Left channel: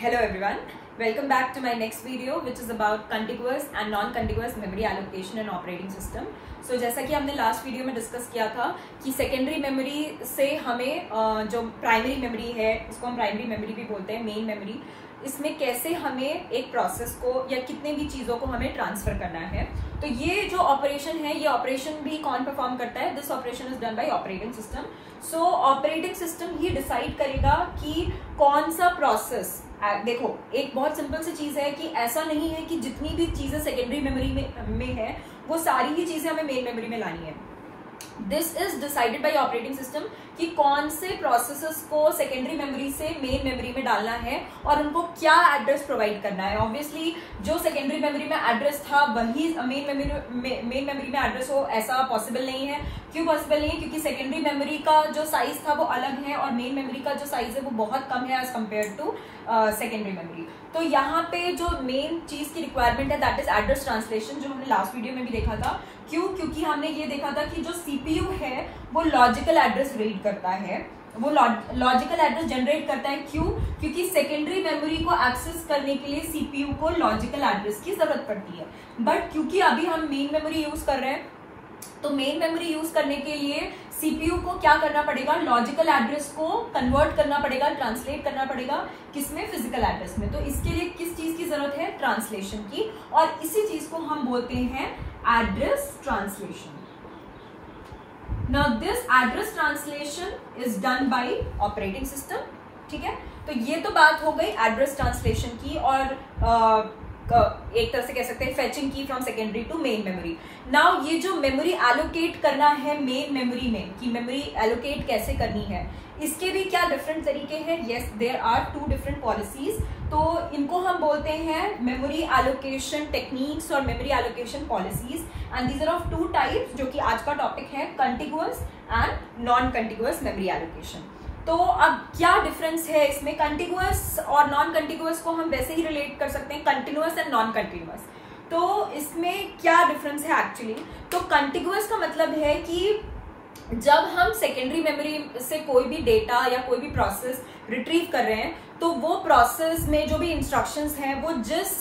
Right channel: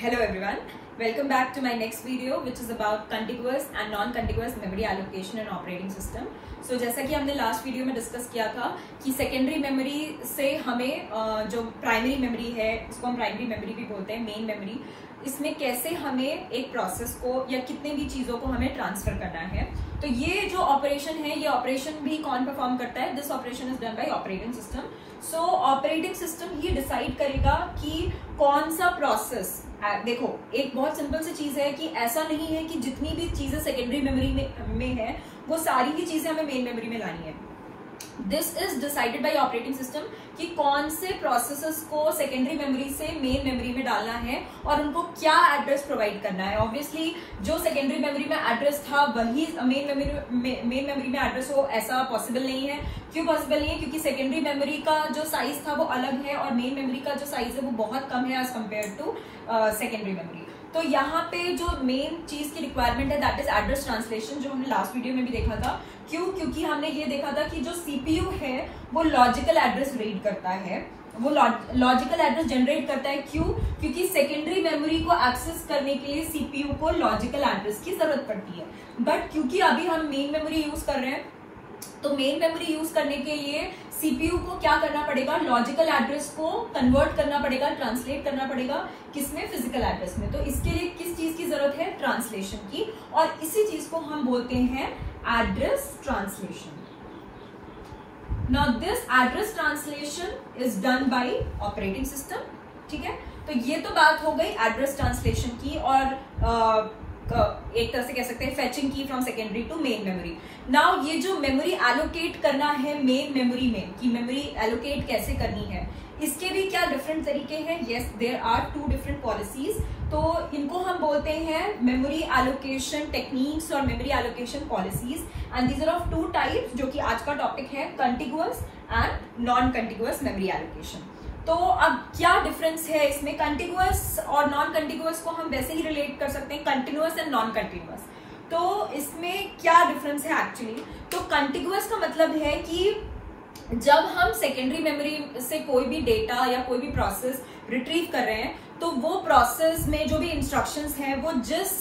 Hello everyone, welcome back to my next video which is about contiguous and non-contiguous memory allocation and operating system. So जैसा कि हमने last video में discuss किया था कि secondary memory से हमें जो प्राइमरी मेमोरी है उसको हम प्राइमरी मेमोरी भी बोलते हैं, मेन मेमोरी, इसमें कैसे हमें एक प्रोसेस को या कितने भी चीजों को हमें ट्रांसफर करना है। तो ये जो ऑपरेशन है, ये ऑपरेशन भी कौन परफॉर्म करता है? This operation is done by operating system. So operating system he decide करेगा कि कौन सा प्रोसेस। देखो, एक बहुत सिंपल सी चीज है कि ऐसा नहीं है कि जितनी भी चीजें सेकेंडरी मेमोरी में है वो सारी ही चीजें हमें मेन मेमोरी में लानी है। This is decided by operating system कि कौन से प्रोसेसेस को सेकेंडरी मेमोरी से मेन मेमोरी में डालना है और उनको क्या एड्रेस प्रोवाइड करना है। ऑब्वियसली जो सेकेंडरी मेमोरी में एड्रेस था वही मेन मेमोरी में एड्रेस हो, ऐसा पॉसिबल नहीं है। क्यों पॉसिबल नहीं है? क्योंकि सेकेंडरी मेमोरी का जो साइज था वो अलग है और मेन मेमोरी का जो साइज है वो बहुत कम है as compare to secondary memory. तो यहाँ पे जो मेन चीज की रिक्वायरमेंट है दैट इज एड्रेस ट्रांसलेशन, जो हमने लास्ट वीडियो में भी देखा था। क्यों? क्योंकि हमने ये देखा था कि जो सीपीयू है वो लॉजिकल एड्रेस रीड करता है, वो लॉजिकल एड्रेस जनरेट करता है। क्यों? क्योंकि सेकेंडरी मेमोरी को एक्सेस करने के लिए सीपीयू को लॉजिकल एड्रेस की जरूरत पड़ती है। बट क्योंकि अभी हम मेन मेमोरी यूज कर रहे हैं, तो मेन मेमोरी यूज करने के लिए सीपीयू को क्या करना पड़ेगा? लॉजिकल एड्रेस को कन्वर्ट करना पड़ेगा, ट्रांसलेट करना पड़ेगा। किसमें? फिजिकल एड्रेस में। तो इसके लिए किस चीज की जरूरत है? ट्रांसलेशन की। और इसी चीज को हम बोलते हैं address translation. Now this address translation is done by operating system. ठीक है, तो ये तो बात हो गई एड्रेस ट्रांसलेशन की और एक तरह से कह सकते हैं फेचिंग की from secondary to main memory. Now ये जो मेमोरी एलोकेट करना है मेन मेमोरी में, कि मेमोरी एलोकेट कैसे करनी है, इसके भी क्या डिफरेंट तरीके हैं? Yes, there are two different policies. तो इनको हम बोलते हैं मेमोरी एलोकेशन टेक्निक्स और memory allocation policies, and these are of two types, जो कि आज का टॉपिक है, contiguous and non contiguous memory allocation. तो अब क्या डिफरेंस है इसमें? कंटिगुअस और नॉन कंटिगुअस को हम वैसे ही रिलेट कर सकते हैं, कंटिन्यूअस एंड नॉन कंटिन्यूअस। तो इसमें क्या डिफरेंस है एक्चुअली? तो कंटिगुअस का मतलब है कि जब हम सेकेंडरी मेमोरी से कोई भी डेटा या कोई भी प्रोसेस रिट्रीव कर रहे हैं, तो वो प्रोसेस में जो भी इंस्ट्रक्शंस हैं वो जिस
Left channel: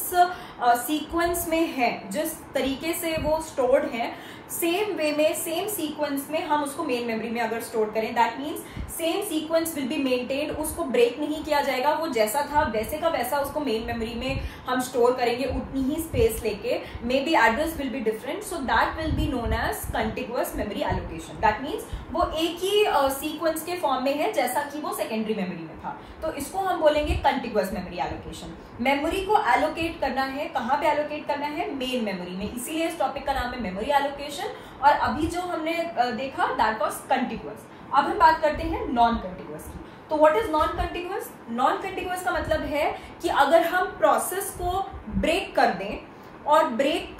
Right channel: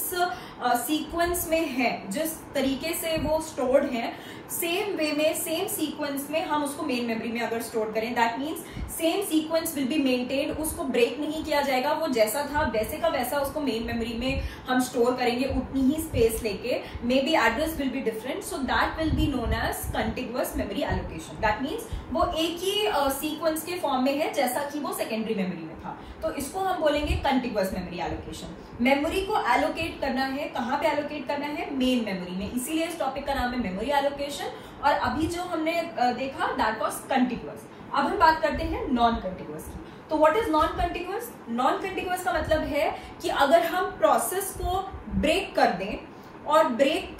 सीक्वेंस में है, जिस तरीके से वो स्टोर्ड है, सेम वे में, सेम सीक्वेंस में हम उसको मेन मेमोरी में अगर स्टोर करें, that means same sequence will be maintained, उसको ब्रेक नहीं किया जाएगा, वो जैसा था वैसे का वैसा उसको मेन मेमोरी में हम स्टोर करेंगे उतनी ही स्पेस लेके। Maybe address will be different, so that will be known as contiguous memory allocation. That means वो एक ही सीक्वेंस के फॉर्म में है जैसा कि वो सेकेंडरी मेमोरी में था, तो इसको हम बोलेंगे कंटिगुअस मेमोरी एलोकेशन। मेमोरी को एलोकेट करना है, कहाँ पे एलोकेट करना है? मेन मेमोरी में। इसीलिए इस टॉपिक का नाम है मेमोरी एलोकेशन। और अभी जो हमने देखा दैट वाज कंटिगुअस। अब हम बात करते हैं नॉन कंटिगुअस की। तो what is non contiguous? Non contiguous का मतलब है कि अगर हम प्रोसेस को ब्रेक कर दें, और ब्रेक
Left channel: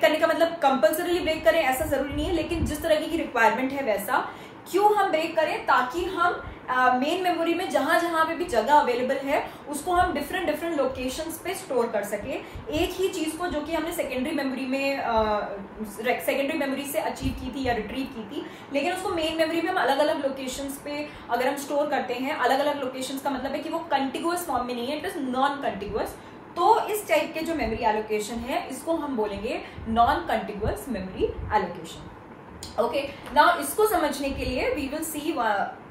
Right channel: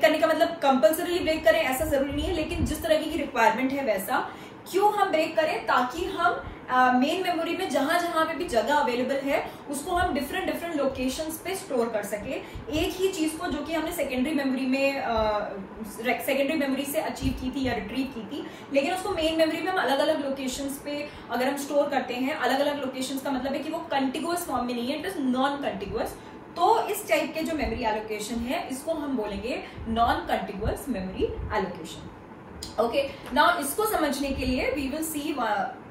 करने का मतलब कंपल्सरीली ब्रेक करें ऐसा जरूरी नहीं है, लेकिन जिस तरह की रिक्वायरमेंट है वैसा। क्यों हम ब्रेक करें? ताकि हम मेन मेमोरी में जहां जहां पे भी जगह अवेलेबल है उसको हम डिफरेंट लोकेशंस पे स्टोर कर सके। एक ही चीज को जो कि हमने सेकेंडरी मेमोरी से अचीव की थी या रिट्रीव की थी, लेकिन उसको मेन मेमोरी में हम अलग अलग लोकेशंस पे अगर हम स्टोर करते हैं, अलग अलग लोकेशंस का मतलब है कि वो कंटिगुअस फॉर्म में नहीं है, इट इज नॉन कंटिगुअस। तो इस टाइप के जो मेमोरी एलोकेशन है इसको हम बोलेंगे non contiguous memory allocation. Okay, now इसको समझने के लिए we will see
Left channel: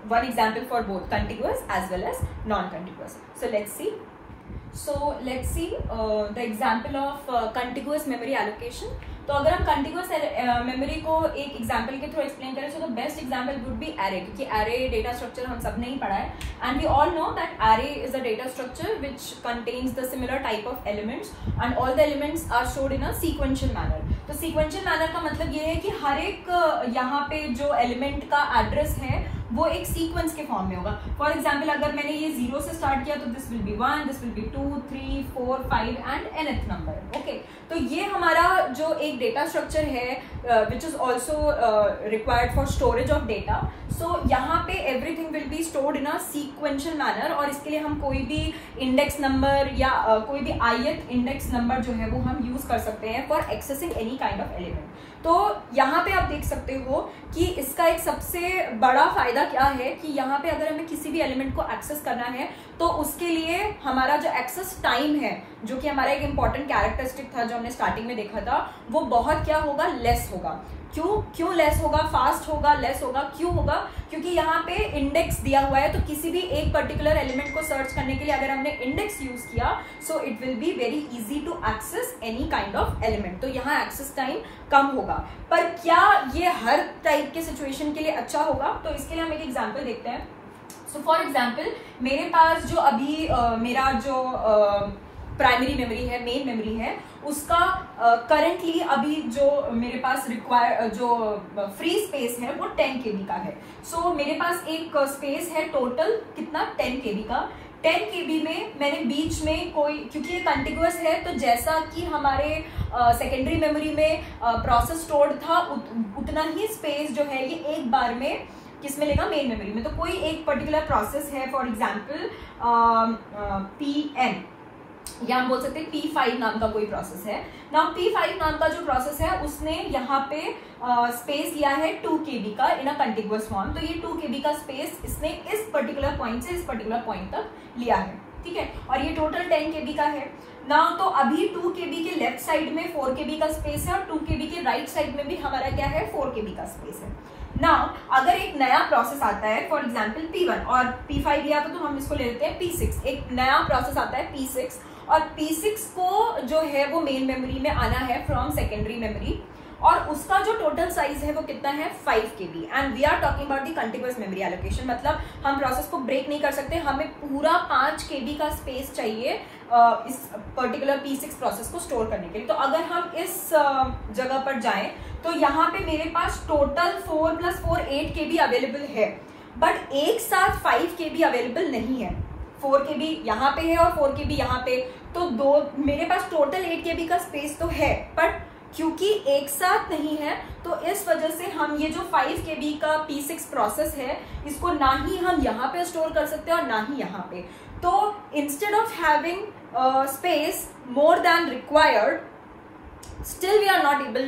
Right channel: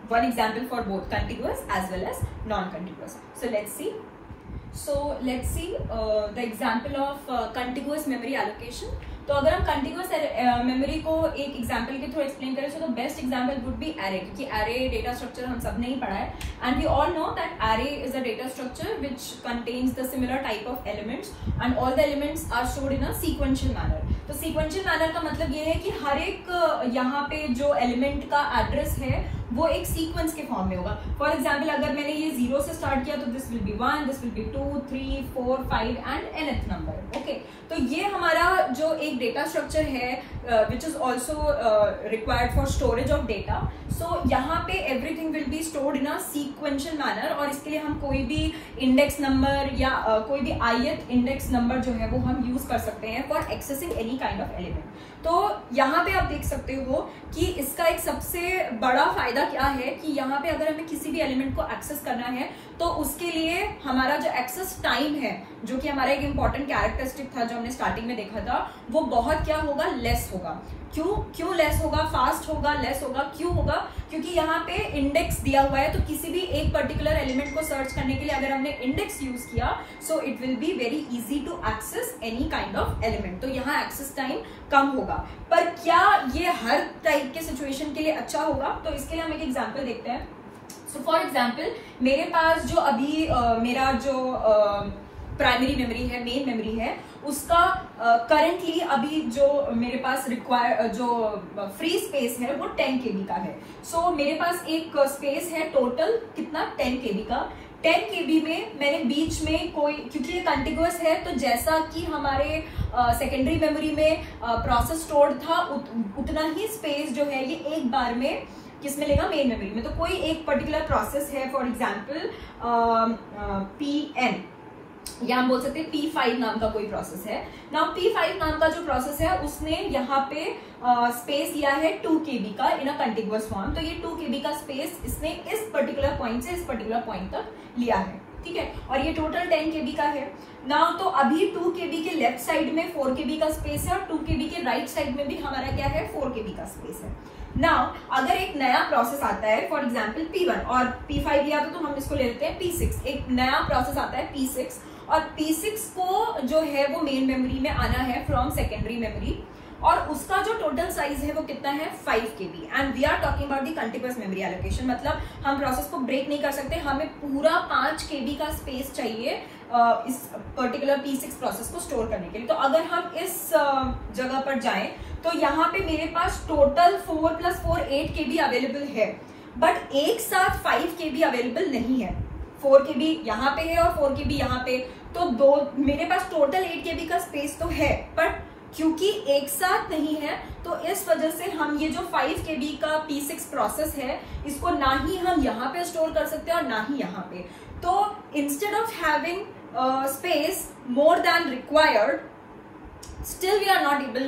one example for both contiguous as well as non-contiguous. So let's see the example of contiguous memory allocation. तो अगर हम कंटिगुअस मेमोरी को एक एग्जांपल के थ्रू एक्सप्लेन करें, so the best example would be array, क्योंकि array data structure हम सब ने ही पढ़ा है, and we all know that array is a data structure which contains the similar type of elements and all the elements are stored in a sequential manner. तो sequential manner का मतलब ये है कि हर एक यहाँ पे जो एलिमेंट का एड्रेस है वो एक सीक्वेंस के फॉर्म में होगा। फॉर एग्जाम्पल, अगर मैंने ये 0 से स्टार्ट किया तो this will be 1, this will be 2, 3, 4, 5 and nth number. Okay, तो ये हमारा जो एक डेटा स्ट्रक्चर है which is also required for storage of data. So यहाँ पे everything will be stored in a sequential manner, और इसके लिए हम कोई भी इंडेक्स नंबर या कोई भी ith इंडेक्स नंबर जो है वो हम यूज कर सकते हैं for accessing any kind of element. तो यहाँ पे आप देख सकते हो कि इसका एक सबसे बड़ा फायदा क्या है कि यहाँ पे अगर हमें किसी भी एलिमेंट को एक्सेस करना है तो उसके लिए हमारा जो एक्सेस टाइम है, जो कि हमारा एक इंपॉर्टेंट कैरेक्टरिस्टिक था जो हमने स्टार्टिंग में देखा था, वो बहुत क्या होगा, लेस होगा। क्यों लेस होगा, फास्ट होगा, लेस होगा, क्यों होगा? क्योंकि यहाँ पे इंडेक्स दिया हुआ है, तो किसी भी एक पर्टिकुलर एलिमेंट को सर्च करने के लिए अगर हमने इंडेक्स यूज किया, so it will be very easy to access any kind of element. तो यहाँ एक्सेस टाइम कम होगा। पर क्या ये हर टाइप के सिचुएशन के लिए अच्छा होगा? तो इसके लिए हम एक एग्जाम्पल देखते हैं। सो फॉर एग्जाम्पल, मेरे पास जो अभी मेरा जो प्राइमरी मेमोरी है, मेन मेमोरी है, उसका करंटली अभी जो मेरे पास जो फ्री स्पेस है वो 10 KB का है। सो मेरे पास एक स्पेस है टोटल कितना, 10 KB का। 10 KB में मैंने बीच में कोई, क्योंकि ये कंटिन्यूअस है, तो जैसा कि हमारे सेकेंडरी मेमोरी में प्रोसेस स्टोर्ड था, उतना ही स्पेस जो है ये एक बार में किसमें लेगा, मेन मेमोरी में। तो कोई एक पर्टिकुलर प्रोसेस है, फॉर एग्जाम्पल PN, या हम बोल सकते हैं P5 नाम का कोई प्रोसेस है ना। P5 नाम का जो प्रोसेस है उसने यहाँ पे स्पेस लिया है 2 KB का इन अ कंटिन्यूअस फॉर्म। तो ये 2 KB का स्पेस इसने इस पर्टिकुलर पॉइंट से इस पर्टिकुलर पॉइंट तक लिया है, ठीक है। और ये टोटल 10 KB का है ना। तो अभी 2 KB के लेफ्ट साइड में 4 KB का स्पेस है और 2 KB के राइट साइड में भी हमारा क्या है, 4 KB का स्पेस है ना। अगर एक नया प्रोसेस आता है, फॉर एग्जाम्पल P1 और P5 लिया तो हम इसको ले लेते हैं P6। एक नया प्रोसेस आता है P6 और P6 को जो है वो मेन मेमोरी में आना है फ्रॉम सेकेंडरी मेमोरी, और उसका जो टोटल साइज है वो कितना है, 5 KB। And we are talking about the continuous memory allocation, मतलब हम प्रोसेस को ब्रेक नहीं कर सकते, हमें पूरा 5 KB का स्पेस चाहिए इस पर्टिकुलर P6 प्रोसेस को स्टोर करने के लिए। तो अगर हम इस जगह पर जाएं तो यहाँ पे मेरे पास टोटल 4 + 4 8 KB अवेलेबल है, बट एक साथ 5 KB अवेलेबल नहीं है। 4 KB यहाँ पे है और 4 KB यहाँ पे, तो मेरे पास टोटल 8 KB का स्पेस तो है, बट क्योंकि एक साथ नहीं है तो इस वजह से हम ये जो 5 KB का P6 प्रोसेस है इसको ना ही हम यहाँ पे स्टोर कर सकते हैं और ना ही यहाँ पे। तो instead of having space more than required, still we are not able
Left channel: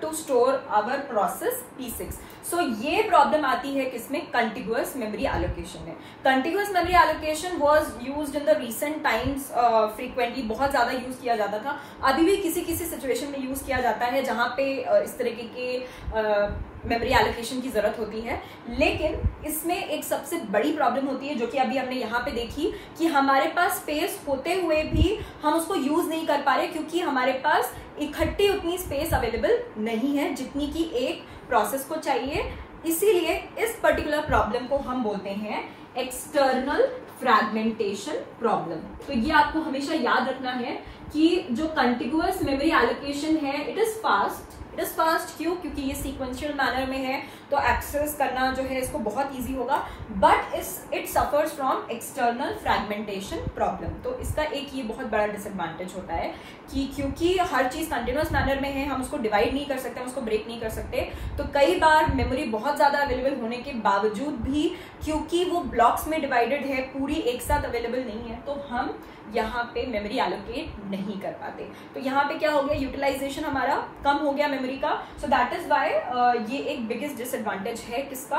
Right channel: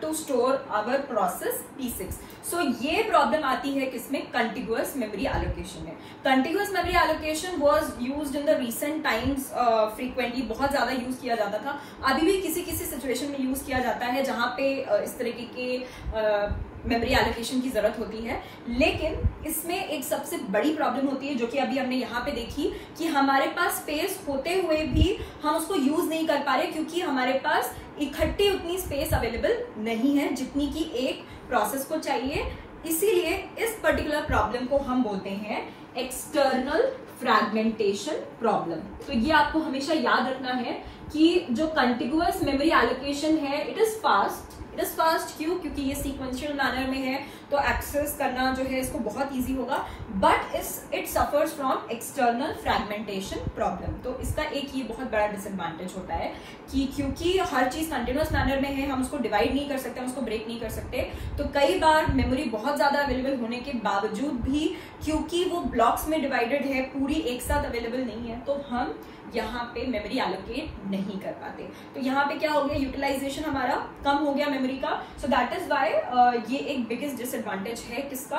to store our process P6. So ये प्रॉब्लम आती है किसमें, कंटिन्यूअस मेमोरी एलोकेशन में। Continuous memory allocation was used in the recent times frequently, बहुत ज्यादा use किया जाता था। अभी भी किसी किसी सिचुएशन में यूज किया जाता है जहां पे इस तरीके के मेमोरी एलोकेशन की जरूरत होती है। लेकिन इसमें एक सबसे बड़ी प्रॉब्लम होती है जो कि अभी हमने यहाँ पे देखी, कि हमारे पास स्पेस होते हुए भी हम उसको यूज नहीं कर पा रहे, क्योंकि हमारे पास इकट्ठी उतनी स्पेस अवेलेबल नहीं है जितनी की एक प्रोसेस को चाहिए। इसीलिए इस पर्टिकुलर प्रॉब्लम को हम बोलते हैं एक्सटर्नल फ्रैगमेंटेशन प्रॉब्लम। तो ये आपको हमेशा याद रखना है कि जो कंटिन्यूअस मेमोरी एलोकेशन है, इट इज फास्ट। क्यों? क्योंकि ये सीक्वेंशियल मैनर में है, तो एक्सेस करना जो है इसको बहुत इजी होगा, but it suffers from external fragmentation problem. तो इसका एक ये बहुत बड़ा डिसएडवांटेज होता है कि क्योंकि हर चीज कंटिन्यूअस मैनर में है, हम उसको डिवाइड नहीं कर सकते, हम उसको ब्रेक नहीं कर सकते। तो कई बार मेमोरी बहुत ज्यादा अवेलेबल होने के बावजूद भी, क्योंकि वो ब्लॉक्स में डिवाइडेड है, पूरी एक साथ अवेलेबल नहीं है, तो हम यहाँ पे मेमोरी एलोकेट नहीं कर पाते। तो यहाँ पे क्या हो गया, यूटिलाइजेशन हमारा कम हो गया मेमोरी का। सो दैट इज वाई ये एक बिगेस्ट डिसएडवांटेज है किसका,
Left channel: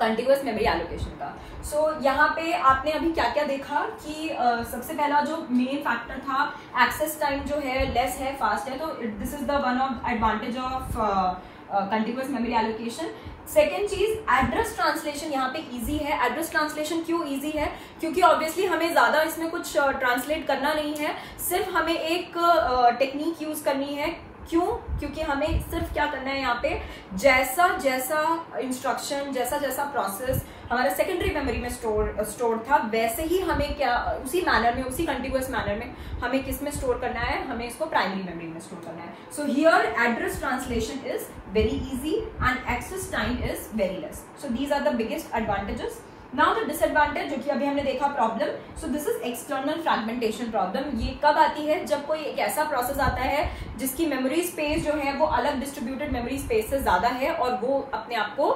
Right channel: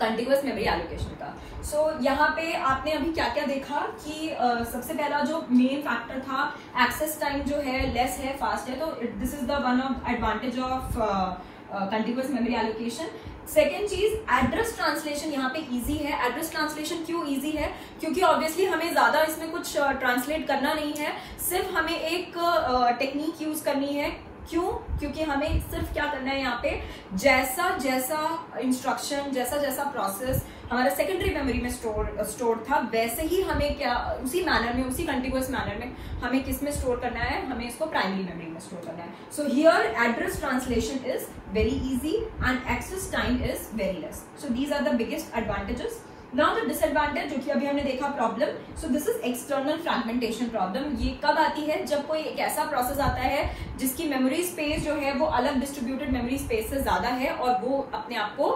कंटिन्यूअस मेमोरी एलोकेशन का। सो यहाँ पे आपने अभी क्या क्या देखा कि सबसे पहला जो मेन फैक्टर था, एक्सेस टाइम जो है लेस है, फास्ट है। तो this is the one of advantage of continuous memory allocation. Second चीज, एड्रेस ट्रांसलेशन यहाँ पे इजी है। एड्रेस ट्रांसलेशन क्यों इजी है? क्योंकि ऑब्वियसली हमें ज्यादा इसमें कुछ ट्रांसलेट करना नहीं है, सिर्फ हमें एक टेक्निक यूज करनी है। क्यों? क्योंकि हमें सिर्फ क्या करना है, यहाँ पे जैसा जैसा इंस्ट्रक्शन, जैसा जैसा प्रोसेस हमारे सेकेंडरी मेमोरी में स्टोर था, वैसे ही हमें क्या उसी मैनर में, उसी कंटिन्यूअस मैनर में हमें किस में स्टोर करना है, हमें इसको प्राइमरी मेमोरी में स्टोर करना है। So here address translation is very easy and access time is very less. So these are the biggest advantages. Now the disadvantage, जो कि अभी हमने देखा problem, so this is external fragmentation problem. ये कब आती है? जब कोई एक ऐसा प्रोसेस आता है जिसकी मेमोरी स्पेस जो है वो अलग डिस्ट्रीब्यूटेड मेमोरी स्पेस से ज्यादा है और वो अपने आप को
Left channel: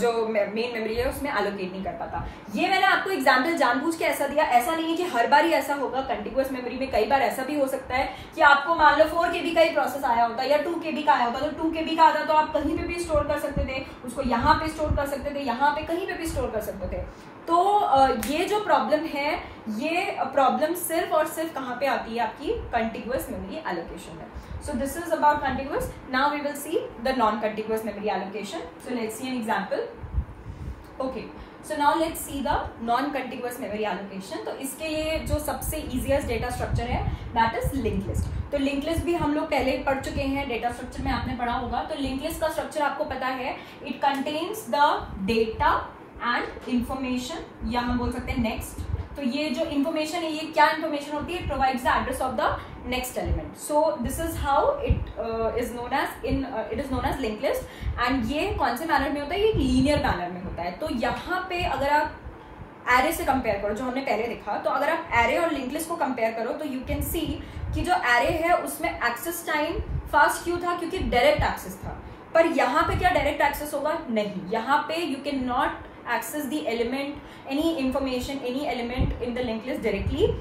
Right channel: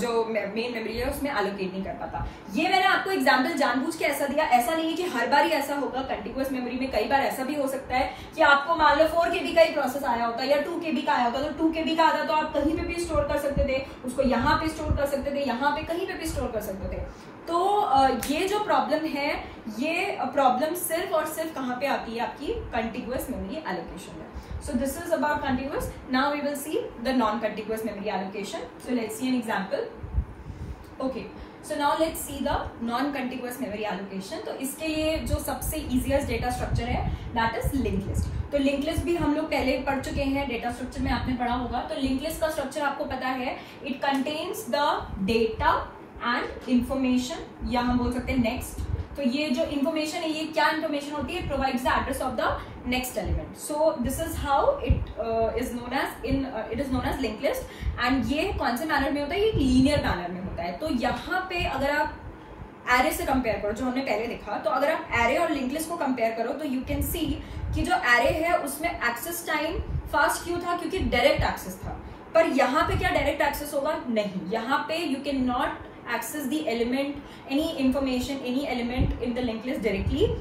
जो मेन मेमोरी है उसमें एलोकेट नहीं कर पाता। ये मैंने आपको एग्जाम्पल जानबूझ के ऐसा दिया, ऐसा नहीं है कि हर बार ही ऐसा होगा। कंटिन्यूअस मेमोरी में कई बार ऐसा भी हो सकता है कि आपको मान लो 4 KB का ही प्रोसेस आया होता है या 2 KB का आया होता, तो 2 KB का आता तो आप कहीं पे भी स्टोर कर सकते थे, उसको यहाँ पे स्टोर कर सकते थे, यहाँ पे कहीं पे भी स्टोर कर सकते थे। तो ये जो प्रॉब्लम है, ये प्रॉब्लम सिर्फ और सिर्फ कहाँ पे आती है? आपकी कंटिन्यूअस मेमोरी एलोकेशन में। So this is about contiguous. Now we will see the non-contiguous memory allocation. So let's see an example. Okay. So now let's see the non-contiguous memory allocation. तो इसके लिए जो सबसे easiest data structure है, that is linked list. तो linked list भी हम लोग पहले पढ़ चुके हैं, data structure में आपने पढ़ा होगा। तो linked list का structure आपको पता है, it contains the data and information, या हम बोल सकते हैं next। तो ये जो इन्फॉर्मेशन है, ये क्या इन्फॉर्मेशन होती है? It provides the address of the next element. So this is how it is known as link list. And ये कौन से मैनर में होता है? ये लीनियर मैनर में होता है। तो यहाँ पे अगर आप एरे से कंपेयर करो, जो हमने पहले देखा, तो अगर आप एरे और लिंक लिस्ट को कंपेयर करो तो यू कैन सी कि जो एरे है उसमें एक्सेस टाइम फास्ट क्यों था? क्योंकि डायरेक्ट एक्सेस था। पर यहाँ पे क्या डायरेक्ट एक्सेस होगा? नहीं, यहाँ पे you can not access the element, any information, any element in the linked list directly,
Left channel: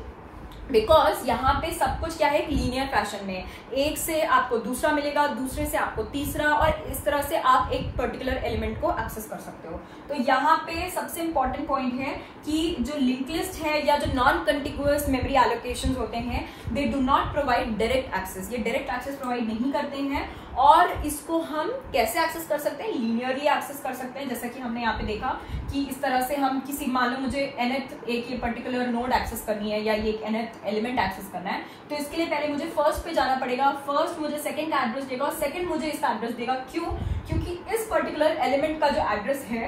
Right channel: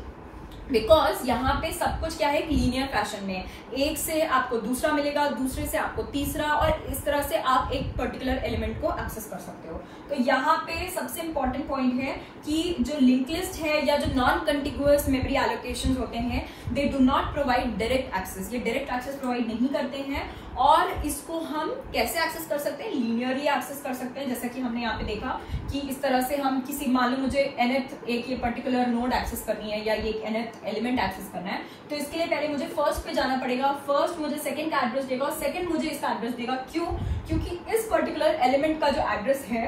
because यहाँ पे सब कुछ क्या है? लीनियर फैशन में, एक से आपको दूसरा मिलेगा, दूसरे से आपको तीसरा, और इस तरह से आप एक पर्टिकुलर एलिमेंट को एक्सेस कर सकते हो। तो यहाँ पे सबसे इंपॉर्टेंट पॉइंट है कि जो लिंक लिस्ट है या जो नॉन कंटिन्यूअस मेमोरी एलोकेशन होते हैं, they do not provide direct access. ये डायरेक्ट एक्सेस प्रोवाइड नहीं करते हैं, और इसको हम कैसे एक्सेस कर सकते हैं? लीनियरली एक्सेस कर सकते हैं। जैसा कि हमने यहाँ पे देखा कि इस तरह से हम किसी, मान लो मुझे nth एक ये पर्टिकुलर नोड एक्सेस करनी है या ये nth एलिमेंट एक्सेस करना है, तो इसके लिए पहले मुझे फर्स्ट पे जाना पड़ेगा। फर्स्ट मुझे सेकंड का एड्रेस देगा, सेकंड मुझे इसका एड्रेस देगा। क्यों? क्योंकि इस पर्टिकुलर एलिमेंट का जो एड्रेस है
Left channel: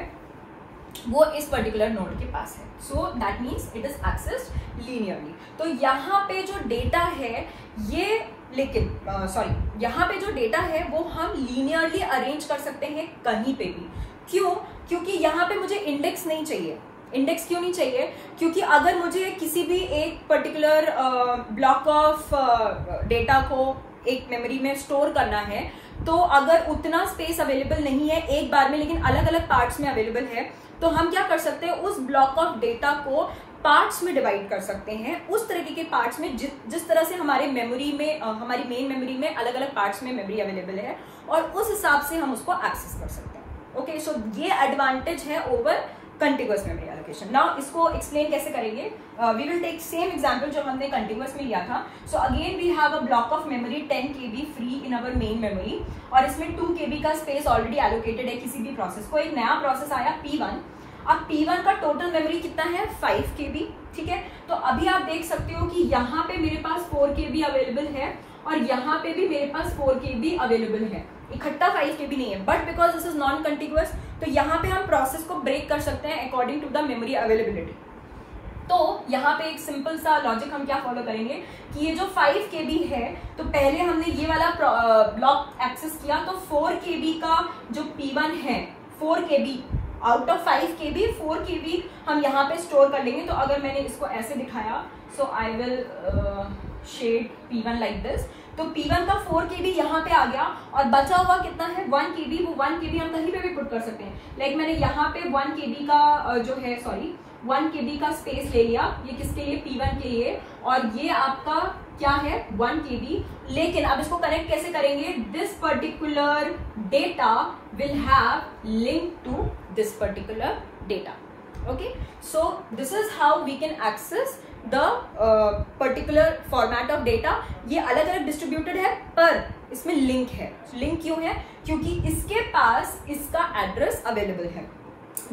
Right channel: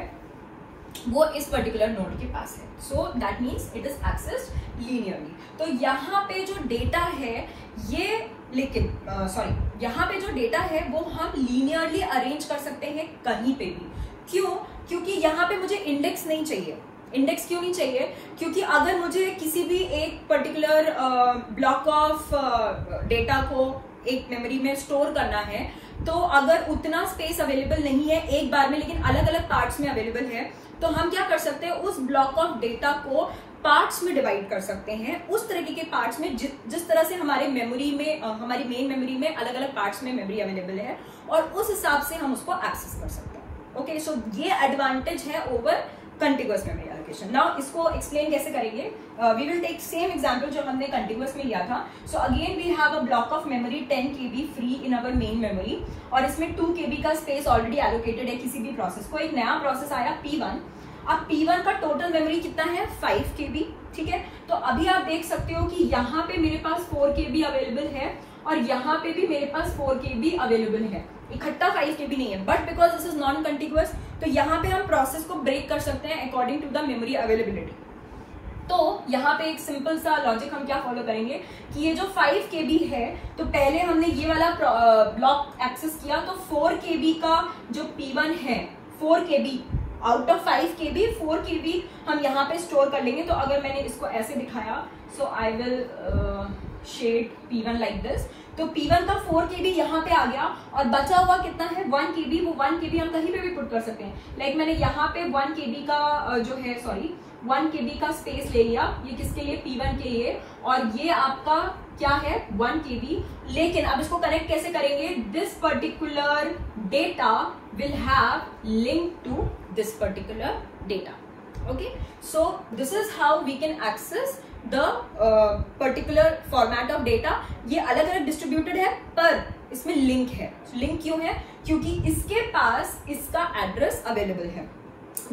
वो इस पर्टिकुलर नोड के पास है। So that means it is accessed linearly. तो यहाँ पे जो डेटा है ये, लेकिन सॉरी, यहाँ पे जो डेटा है वो हम लीनियरली अरेंज कर सकते हैं कहीं पे भी। क्यों? क्योंकि यहाँ पे मुझे इंडेक्स नहीं चाहिए। इंडेक्स क्यों नहीं चाहिए? क्योंकि अगर मुझे किसी भी एक पर्टिकुलर ब्लॉक ऑफ डेटा को एक मेमोरी में स्टोर करना है, तो अगर उतना स्पेस अवेलेबल नहीं है एक बार में, लेकिन अलग अलग पार्ट्स में अवेलेबल है, तो हम क्या कर सकते हैं? उस ब्लॉक ऑफ डेटा को पार्ट्स में डिवाइड कर सकते हैं, उस तरीके के पार्ट्स में जिस तरह से हमारे मेमोरी में, हमारी मेन मेमोरी में अलग अलग पार्ट्स में मेमोरी अवेलेबल है, और उस हिसाब से हम उसको एक्सेस कर सकते हैं। ओके, सो ये एडवांटेज है over continuous memory allocation. Now इसको एक्सप्लेन कैसे करेंगे? We will take same example जो हमने कंटिन्यूअस में लिया था। So again we have a block of memory 10 KB free in our main memory, और इसमें 2 KB का स्पेस ऑलरेडी एलोकेटेड है किसी भी प्रोसेस को। एक नया प्रोसेस आया P1। अब P1 का टोटल मेमोरी कितना है? 5 KB। ठीक है, तो अभी आप देख सकते हो कि यहाँ पे मेरे पास 4 KB अवेलेबल है, और यहाँ पे भी मेरे पास 4 KB अवेलेबल है। इकट्ठा 5 KB नहीं है, but because this is non continuous, तो यहाँ पे हम प्रोसेस को ब्रेक कर सकते हैं according to the memory availability. तो यहाँ पे एक सिंपल सा लॉजिक हम क्या फॉलो करेंगे कि ये जो 5 KB है, तो पहले हमने ये वाला ब्लॉक एक्सेस किया, तो 4 KB का जो P1 है, 4 KB out of 5 KB, 4 KB हम यहाँ पे स्टोर कर लेंगे। तो अगर मैंने इसको ऐसे दिखाया, so I will shade P1 like this, तो P1 का 4 KB यहाँ पे आ गया, और बचा हुआ कितना है? 1 KB। वो 1 KB हम कहीं पे भी पुट कर सकते हैं। लाइक मैंने यहाँ पे 1 KB का जो है, सॉरी 1 KB का स्पेस ले लिया। ये किसके लिए? P1 के लिए। और ये आपका क्या है? 1 KB। लेकिन अब इसको कनेक्ट कैसे करेंगे? This particular data will have link to this particular data. Okay, so this is how we can access the particular format of data. ये अलग अलग डिस्ट्रीब्यूटेड है, पर इसमें लिंक है। लिंक क्यों है? क्योंकि इसके पास इसका एड्रेस अवेलेबल है।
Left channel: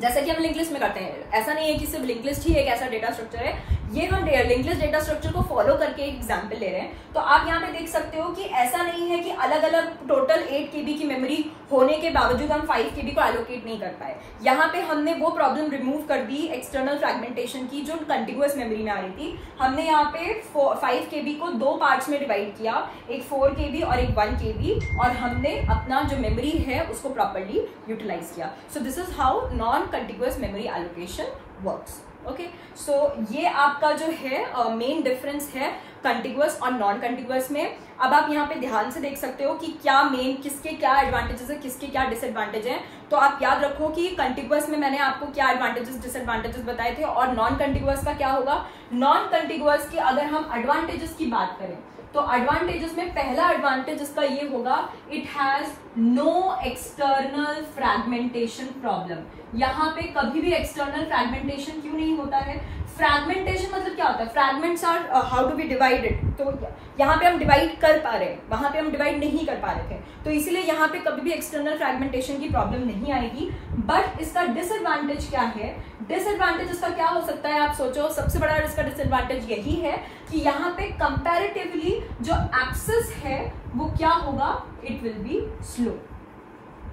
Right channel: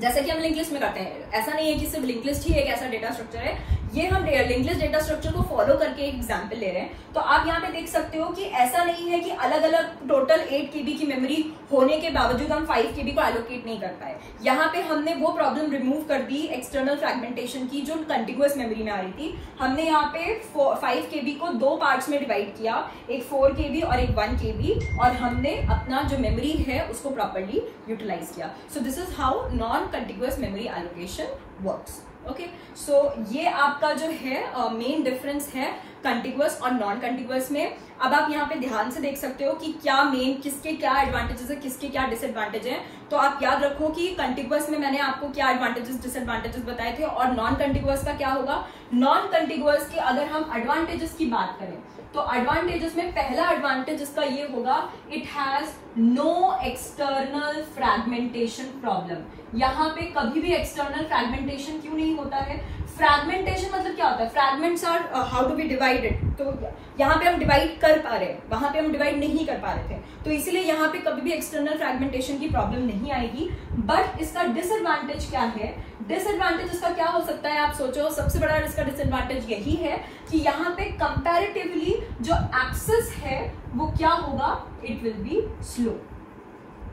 जैसे कि हम लिंक लिस्ट में करते हैं, ऐसा नहीं है कि सिर्फ लिंक लिस्ट ही एक ऐसा डेटा स्ट्रक्चर है। ये हम लिंक लिस्ट डेटा स्ट्रक्चर को फॉलो करके एक एग्जांपल ले रहे हैं। तो आप यहाँ पे देख सकते हो कि ऐसा नहीं है कि अलग अलग टोटल 8 KB की मेमोरी होने के बावजूद हम 5 KB को एलोकेट नहीं कर पाए। यहाँ पे हमने वो प्रॉब्लम रिमूव कर दी एक्सटर्नल फ्रैगमेंटेशन की, जो कंटिन्यूअस मेमोरी में आ रही थी। हमने यहाँ पे 5 KB को 2 पार्ट्स में डिवाइड किया, एक 4 KB और एक 1 KB, और हमने अपना जो मेमोरी है उसको प्रॉपरली यूटिलाइज किया। So this is how non non contiguous memory allocation works. Okay, so ये आपका जो है मेन डिफरेंस है कंटिग्यूअस और नॉन कंटिग्यूअस में। अब आप यहाँ पे ध्यान से देख सकते हो कि क्या मेन, किसके क्या एडवांटेजेस है, किसके क्या डिसएडवांटेज है। तो आप याद रखो कि कंटिग्यूअस में मैंने आपको क्या एडवांटेजेस डिसएडवांटेजेस बताए थे, और नॉन कंटिग्यूअस का क्या होगा। नॉन कंटिग्यूअस के अगर हम एडवांटेजेस की बात करें तो एडवांटेजेस में पहला एडवांटेज इसका ये होगा, it has no external fragmentation problem. यहाँ पे कभी भी एक्सटर्नल फ्रैगमेंटेशन क्यों नहीं होता है। फ्रैगमेंटेशन मतलब क्या होता है, fragments are how do we divide it. तो यहाँ पे हम डिवाइड कर पा रहे हैं, वहां पे हम डिवाइड नहीं कर पा रहे थे, तो इसीलिए यहाँ पे कभी भी एक्सटर्नल फ्रैगमेंटेशन की प्रॉब्लम नहीं आएगी। बट इसका डिसएडवांटेज क्या है, डिसएडवांटेज इसका क्या हो सकता है, आप सोचो। सबसे बड़ा इसका डिसएडवांटेज यही है कि यहाँ पे कंपैरेटिवली जो एक्सेस है वो क्या होगा, इट विल बी स्लो।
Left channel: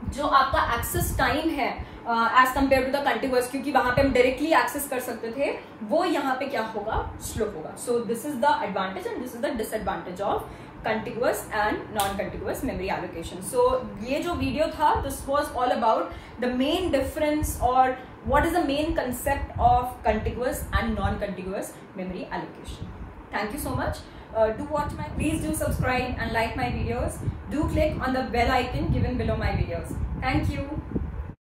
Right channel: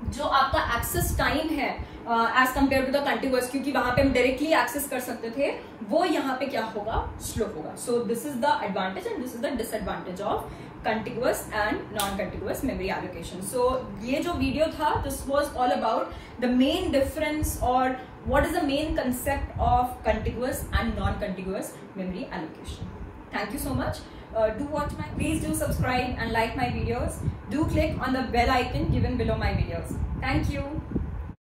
जो आपका एक्सेस टाइम है एज कंपेयर टू द कंटिग्यूअस, क्योंकि वहां पे हम डायरेक्टली एक्सेस कर सकते थे, वो यहाँ पे क्या होगा, स्लो होगा। So this is the advantage and this is the disadvantage of contiguous and non contiguous memory allocation. So ये जो वीडियो था, this was all about the main difference और what is the main concept of contiguous and non-contiguous memory allocation. Thank you so much. Please do subscribe and like my videos. Do click on the bell icon given below my videos. Thank you.